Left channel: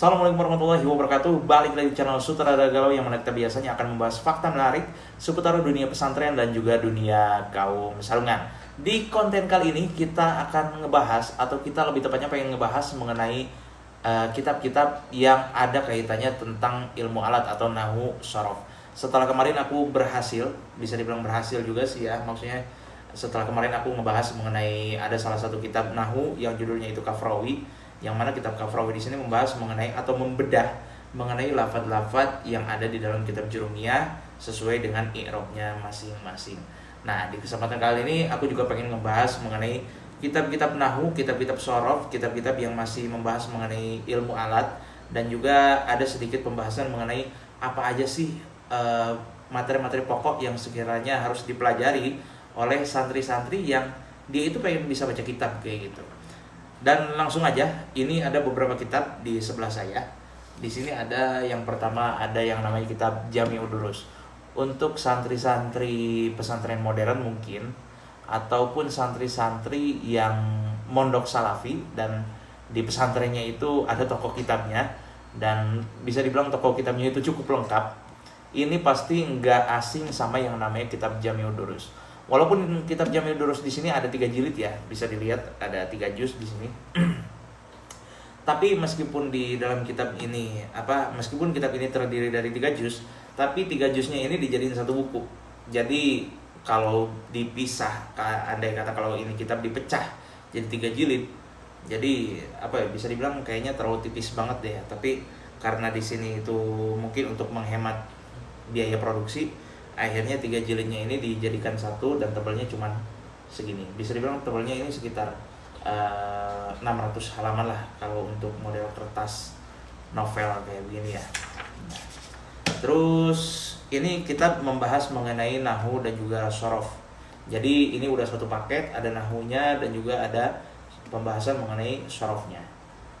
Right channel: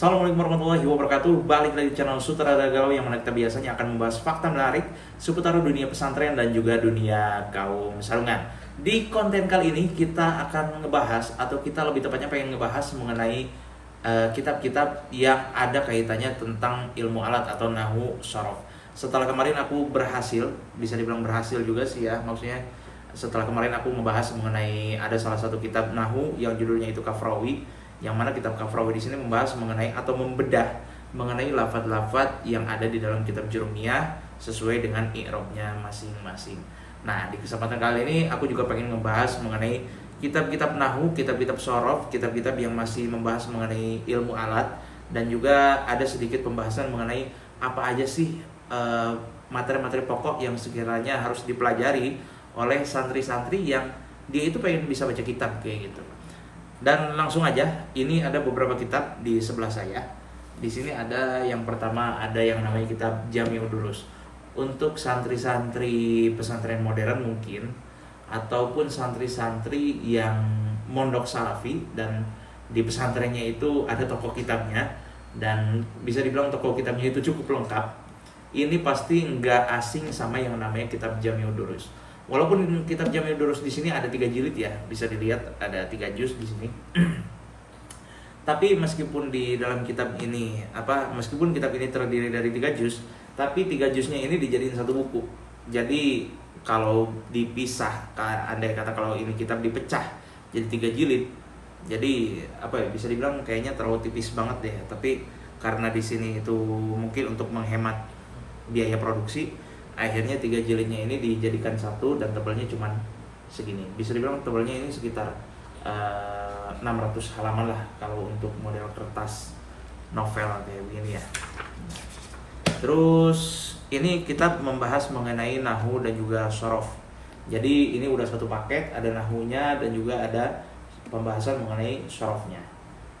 Assalamualaikum warahmatullahi wabarakatuh. Balik lagi di channel Sutradara Galau yang mana kita biasanya akan membahas fakta menarik seputar dunia pesantren dan juga dunia kaum sarungan. Di konten kali ini kita akan ngebahas, atau kita lebih tepatnya pengen ngebahas mengenai kitab-kitab yang ada kaitannya tentang ilmu alat atau nahwu sorof. Setelah kemarin aku berhasil, bisa dibilang berhasil juga sih ya, maksudnya setelah kemarin aku ngebahas mengenai ada salah satu kitab nahwu yang judulnya itu Kafrawi, yang mana kitab Kafrawi di sini membahas mengenai atau membedah mengenai lafadz-lafadz yang ada di dalam kitab Jurumiyah sesuai dengan i'rabnya masing-masing. Nah, di kesempatan kali ini aku juga pengen ngebahas mengenai kitab-kitab nahwu, kitab-kitab sorof, kitab-kitab yang masih membahas mengenai ilmu alat, dan juga ada sedikit pembahasan mengenai apa aja sih materi-materi pokok yang sekiranya harus dipelajari oleh santri-santri yang dia itu pengen bisa baca kitab kayak gitu. Dan langsung aja, ini ada beberapa kitab di sebelah saya. Di sini ada yang pertama, ada yang namanya kitab Jami'ud Durus. Untuk santri-santri pesantren modern mungkin, ataupun santri-santri yang mondok salafi dan di pesantrennya itu ada toko kitabnya, dan bisa dibilang toko kitabnya itu cukup lengkap. Ini pasti nggak asing sama yang namanya kitab Jami'ud Durus. Walaupun kitab Jami'ud Durus di sini ada 3 jilid ya, bisa dilihat ada 3 juz di sini. Tapi meskipun di dalam kitab ini meskipun kitab ini terdiri dari 3 juz, tapi 3 juznya ini dijadiin satu buku. Jadi kalau dipisah, andai kata kalau ini kitab dipecah jadi 3 jilid, jadi bisa dibilang kayaknya terlalu tipis banget deh. Tapi karena di sini itu mungkin untuk menghemat biaya produksi, akhirnya 3 jilidnya ini dijadikan satu dan tebalnya cuman segini. Bisa dibilang tebalnya ini sekitar 600 halaman lah kalau untuk model kertas novel kayak begini ya. Terus ini kitab membahas mengenai nahwu dan juga sorof. Jadi ini udah satu paket, ada nahwunya dan juga ada pembahasan mengenai sorofnya.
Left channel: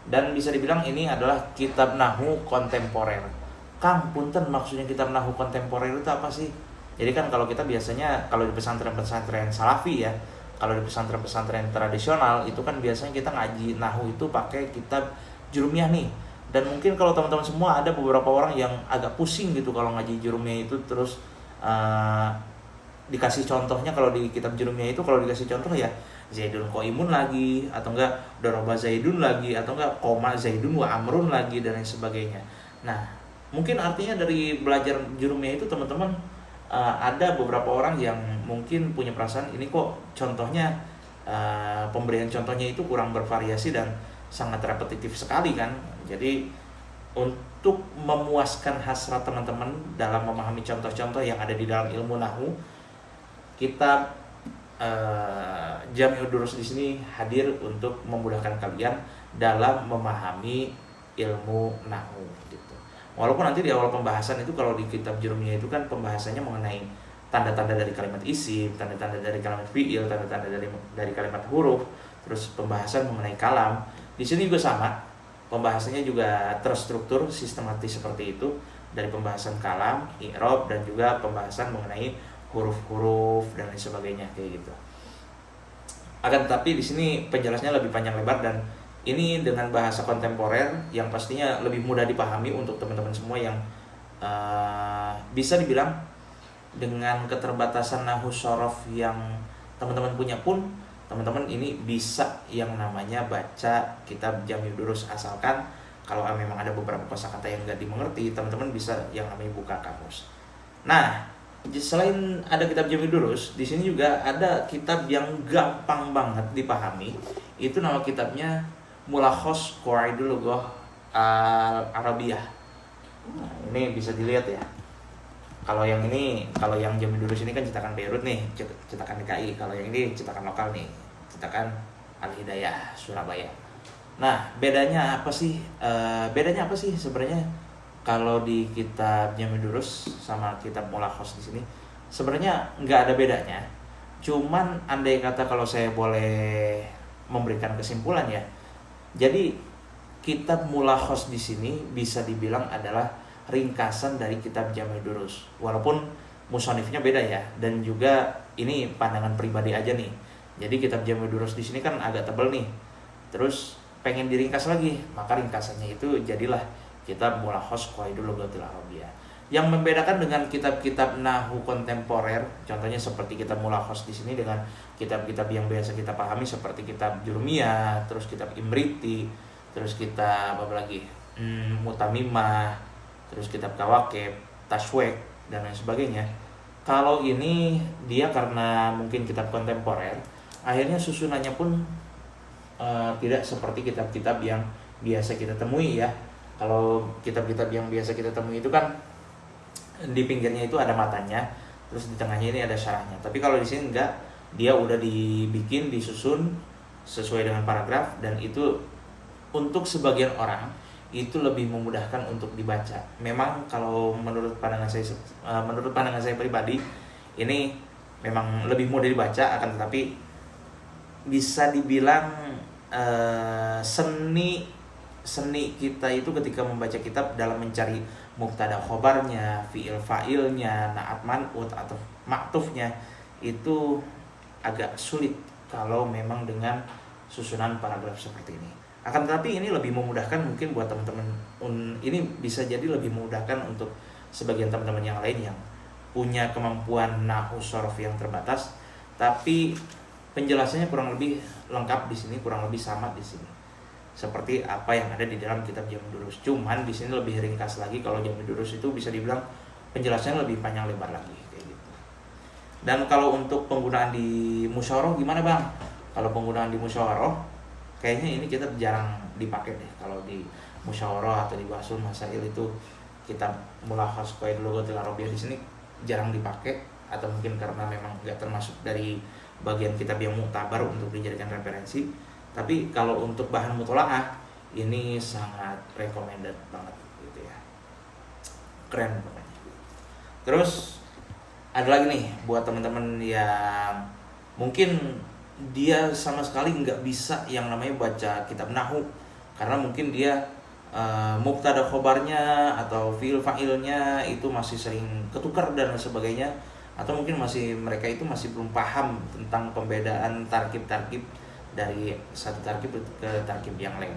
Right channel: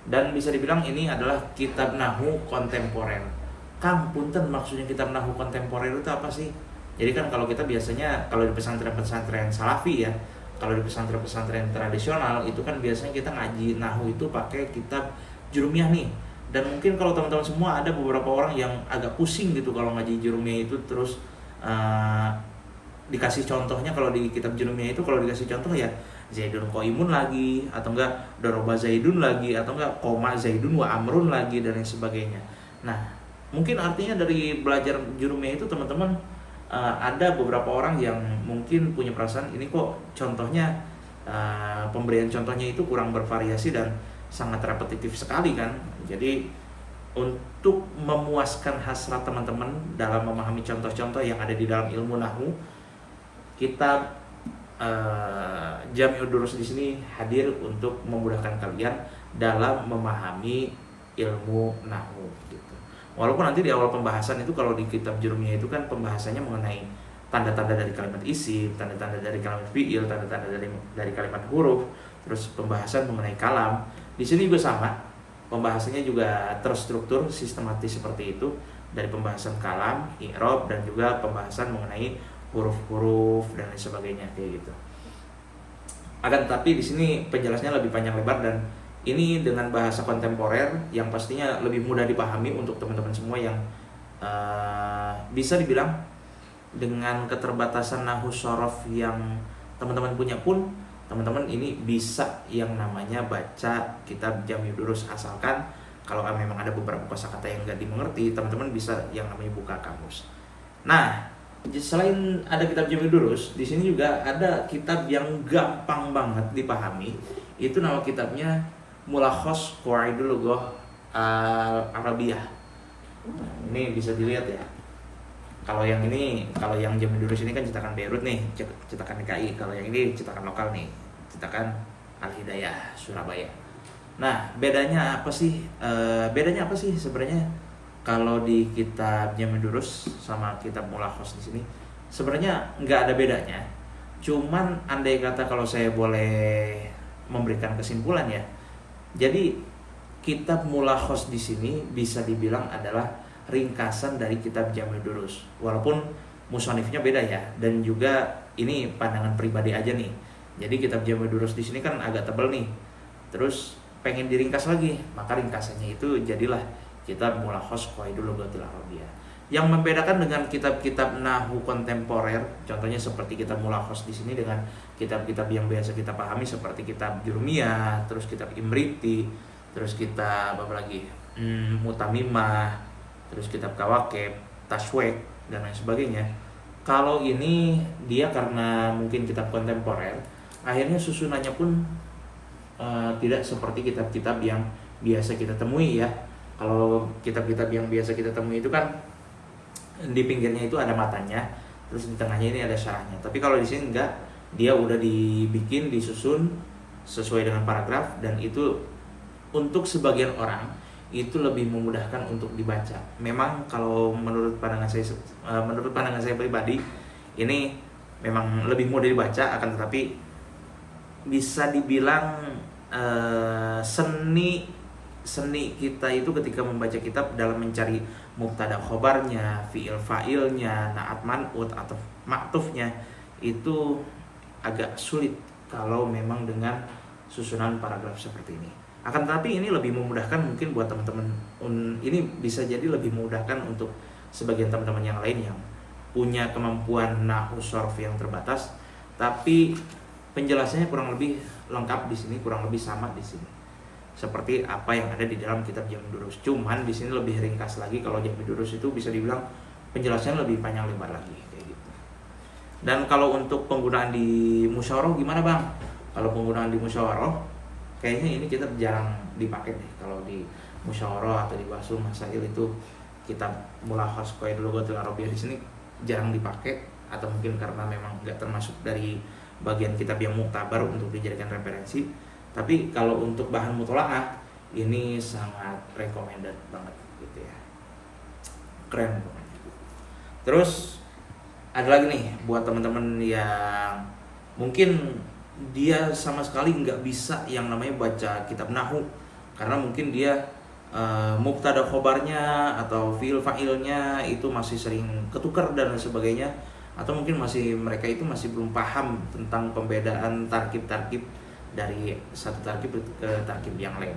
Dan bisa dibilang ini adalah kitab nahwu kontemporer. Kang, punten, maksudnya kitab nahwu kontemporer itu apa sih? Jadi kan kalau kita biasanya, kalau di pesantren-pesantren salafi ya, kalau di pesantren-pesantren tradisional itu kan biasanya kita ngaji nahwu itu pakai kitab Jurumiyah nih. Dan mungkin kalau teman-teman semua ada beberapa orang yang agak pusing gitu kalau ngaji Jurumiyah itu, terus dikasih contohnya kalau di kitab Jurumiyah itu, kalau dikasih contoh ya Zaidun Qaimun lagi, atau enggak Doroba Zaidun lagi, atau enggak Koma Zaidun wa Amrun lagi, dan lain sebagainya. Nah, mungkin artinya dari belajar Jurumiyah itu teman-teman ada beberapa orang yang mungkin punya perasaan ini kok contohnya, pemberian contohnya itu kurang bervariasi dan sangat repetitif sekali kan. Jadi untuk memuaskan hasrat teman-teman dalam memahami contoh-contoh yang ada di dalam ilmu nahwu, kitab Jami'ud Durus di sini hadir untuk memudahkan kalian dalam memahami ilmu nahwu gitu. Walaupun nanti di awal pembahasan itu kalau di kitab Jurumiyah itu kan pembahasannya mengenai tanda-tanda dari kalimat isim, tanda-tanda dari kalimat fi'il, tanda-tanda dari kalimat huruf, terus pembahasan mengenai kalam. Di sini juga sama, pembahasannya juga terstruktur sistematis seperti itu, dari pembahasan kalam, i'rab, dan juga pembahasan mengenai huruf-huruf dan lain sebagainya kayak gitu. Akan tetapi di sini penjelasannya lebih panjang lebar, dan ini dengan bahasa kontemporer yang pastinya lebih mudah dipahami untuk teman-teman semua yang bisa dibilang dengan keterbatasan nahwu sorof yang teman-teman punya pun, teman-teman ini bisa yang namanya baca kitab Jami'ud Durus, asalkan kalau memang ada beberapa kosakata yang nggak dimengerti, teman-teman bisa yang namanya buka kamus. Nah, selain ada kitab Jami'ud Durus, di sini juga ada kitab yang gampang banget dipahami. Itu nama kitabnya Mulakhos Qawaidul Lughah Al-Arabiyah. Ini bisa dilihat ya. Kalau yang Jami'ud Durus ini kan cetakan Beirut nih, cetakan DKI. Kalau yang ini cetakan lokal nih, cetakan Al-Hidayah Surabaya. Nah, bedanya apa sih? Bedanya apa sih sebenarnya kalau di kitab Jami'ud Durus sama kitab Mulakhos di sini? Sebenarnya nggak ada bedanya. Cuman andai kata kalau saya boleh memberikan kesimpulan ya. Jadi kitab Mulakhos di sini bisa dibilang adalah ringkasan dari kitab Jami'ud Durus. Walaupun musonifnya beda ya, dan juga ini pandangan pribadi aja nih. Jadi kitab Jami'ud Durus di sini kan agak tebal nih. Terus pengen diringkas lagi, maka ringkasannya itu jadilah kitab Mulakhos Qawaidul Lughatil Arabiyyah. Yang membedakan dengan kitab-kitab nahwu kontemporer, contohnya seperti kitab Mulakhos di sini dengan kitab-kitab yang biasa kita pahami seperti kitab Jurmiyah, terus kitab Imriti, terus kitab apa lagi? Mutamimah, terus kitab Kawakib, Tashwek dan lain sebagainya. Kalau ini dia karena mungkin kitab kontemporer, akhirnya susunannya pun tidak seperti kitab-kitab yang biasa kita temui ya. Kalau kitab-kitab yang biasa kita temui itu kan di pinggirnya itu ada matanya, terus di tengahnya ini ada syarahnya. Tapi kalau di sini enggak, dia udah dibikin, disusun sesuai dengan paragraf, dan itu untuk sebagian orang itu lebih memudahkan untuk dibaca. Memang kalau menurut pandangan saya pribadi, ini memang lebih mudah dibaca, akan tetapi bisa dibilang seni kita itu ketika membaca kitab dalam mencari mubtada khobarnya, fiil fa'ilnya, na'at man'ut atau ma'tufnya itu agak sulit kalau memang dengan susunan paragraf seperti ini. Akan tetapi ini lebih memudahkan mungkin buat teman-teman, ini bisa jadi lebih memudahkan untuk sebagian teman-teman yang lain yang punya kemampuan nahwu sharaf yang terbatas, tapi penjelasannya kurang lebih lengkap di sini, kurang lebih sama di sini seperti apa yang ada di dalam kitab Jami' Durus. Cuman di sini lebih ringkas lagi. Kalau Jami' Durus itu bisa dibilang penjelasannya lebih panjang lebar lagi kayak gitu. Dan kalau untuk penggunaan di musyawarah gimana Bang? Kalau penggunaan di musyawarah kayaknya ini kita jarang dipakai deh. Kalau di musyawarah atau di Bahsul Masail itu kitab Mulakhos Qawaidul Lughatil Arabiyyah di sini jarang dipakai, atau mungkin karena memang nggak termasuk dari bagian kitab yang muktabar untuk dijadikan referensi. Tapi kalau untuk bahan mutola'ah ini sangat recommended banget gitu ya, keren pokoknya. Terus ada lagi nih buat teman-teman yang mungkin dia sama sekali nggak bisa yang namanya baca kitab nahwu, karena mungkin dia mubtada khobarnya atau fiil fa'ilnya itu masih sering ketukar dan sebagainya, atau mungkin mereka itu masih belum paham tentang pembedaan tarkib-tarkib dari satu tarkib ke tarkib yang lain.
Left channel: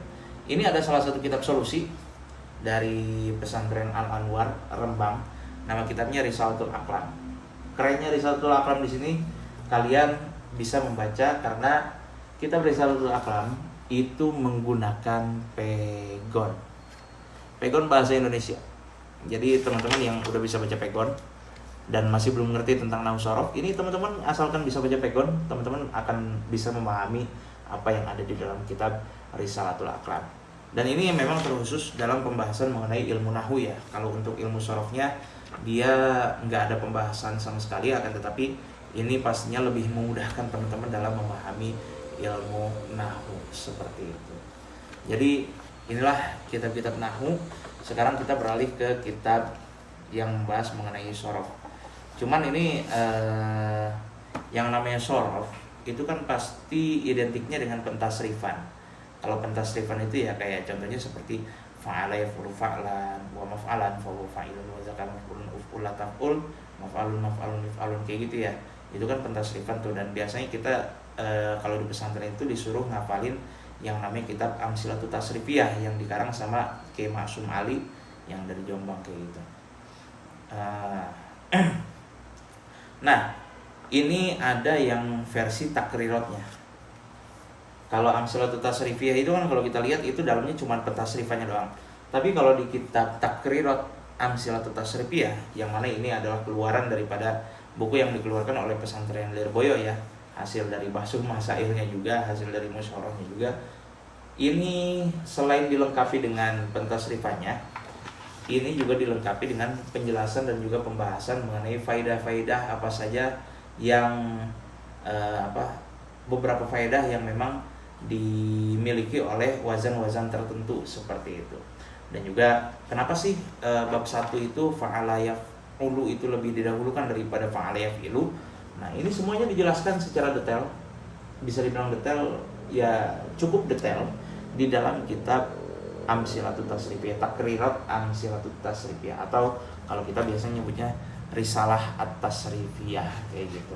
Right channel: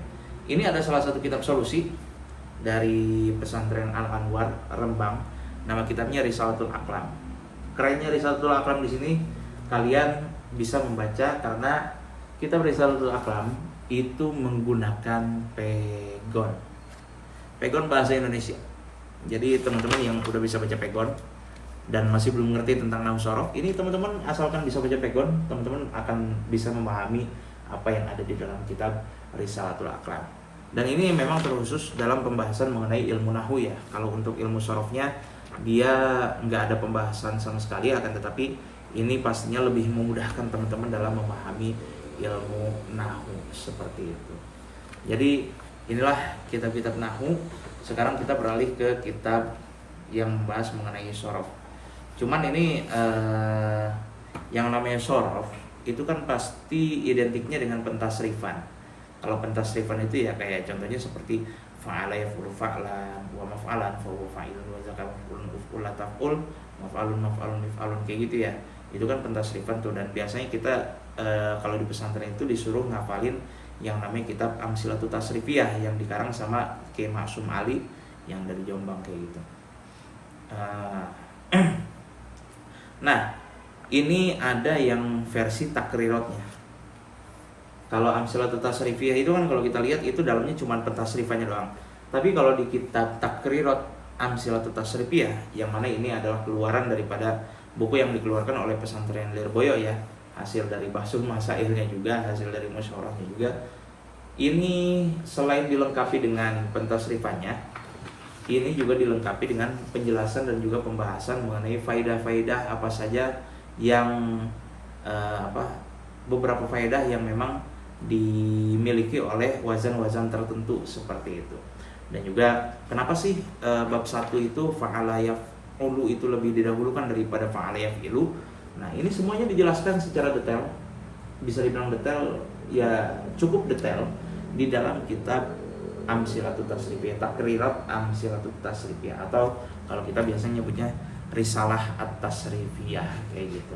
Ini ada salah satu kitab solusi dari pesantren Al Anwar Rembang. Nama kitabnya Risalatul Aqlam. Kerennya Risalatul Aqlam di sini kalian bisa membaca karena kitab Risalatul Aqlam itu menggunakan pegon. Pegon bahasa Indonesia. Jadi teman-teman yang udah bisa baca pegon dan masih belum mengerti tentang nahwu sharaf, ini teman-teman asalkan bisa baca pegon, teman-teman akan bisa memahami apa yang ada di dalam kitab Risalatul Aqlam. Dan ini memang terkhusus dalam pembahasan mengenai ilmu nahwu ya. Kalau untuk ilmu sharafnya dia nggak ada pembahasan sama sekali, akan tetapi ini pastinya lebih memudahkan teman-teman dalam memahami ilmu nahwu seperti itu. Jadi inilah kitab-kitab nahwu. Sekarang kita beralih ke kitab yang membahas mengenai sharaf. Cuman ini yang namanya sharaf itu kan pasti identiknya dengan pentasrifan. Kalau pentasrifan itu ya kayak contohnya seperti fa'ala yaf'ulu fa'lan wa maf'alan fa'ulu fa'ilun wa zakam maf'ulun uf'ul la taf'ul maf'alun mif'alun kayak gitu ya. Itu kan pentasrifan tuh, dan biasanya kita kalau di pesantren itu disuruh ngafalin yang namanya kitab Amsilatut Tasrifiyah yang dikarang sama Kiai Maksum Ali yang dari Jombang kayak gitu. Nah, ini ada yang versi takrirotnya. Kalau Amsilatut Tasrifiyah itu kan kalau kita lihat itu dalamnya cuma pentasrifannya doang. Tapi kalau di kitab Takrirot Amsilatut Tasrifiyah, yang mana ini adalah keluaran daripada buku yang dikeluarkan oleh pesantren Lirboyo ya, hasil dari Bahsul Masailnya juga, hasil dari musyawarahnya juga. Ini selain dilengkapi dengan pentasrifannya, ini juga dilengkapi dengan penjelasan dan juga pembahasan mengenai faidah-faidah apa saja yang beberapa faidah yang memang dimiliki oleh wazan-wazan tertentu seperti itu. Dan juga kenapa sih bab 1 itu fa'ala yaf'ulu itu lebih didahulukan daripada fa'ala yaf'ilu. Nah, ini semuanya dijelaskan secara detail. Bisa dibilang detail, ya cukup detail di dalam kitab Amsilatut Tasrifiyah, Takrirat Amsilatut Tasrifiyah, atau kalau kita biasanya nyebutnya Risalah At-Tasrifiyah kayak gitu.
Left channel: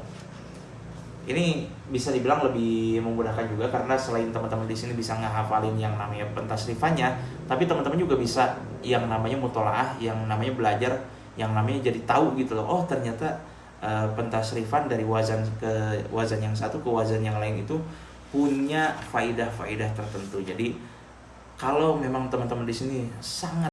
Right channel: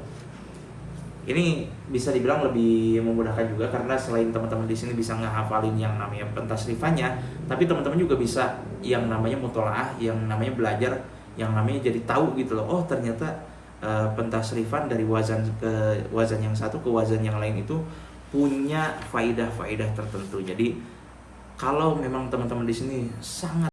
Ini bisa dibilang lebih memudahkan juga karena selain teman-teman di sini bisa ngehafalin yang namanya pentasrifannya, tapi teman-teman juga bisa yang namanya mutolaah, yang namanya belajar, yang namanya jadi tahu gitu loh. Oh ternyata pentasrifan dari wazan ke wazan yang satu ke wazan yang lain itu punya faidah-faidah tertentu. Jadi kalau memang teman-teman di sini sangat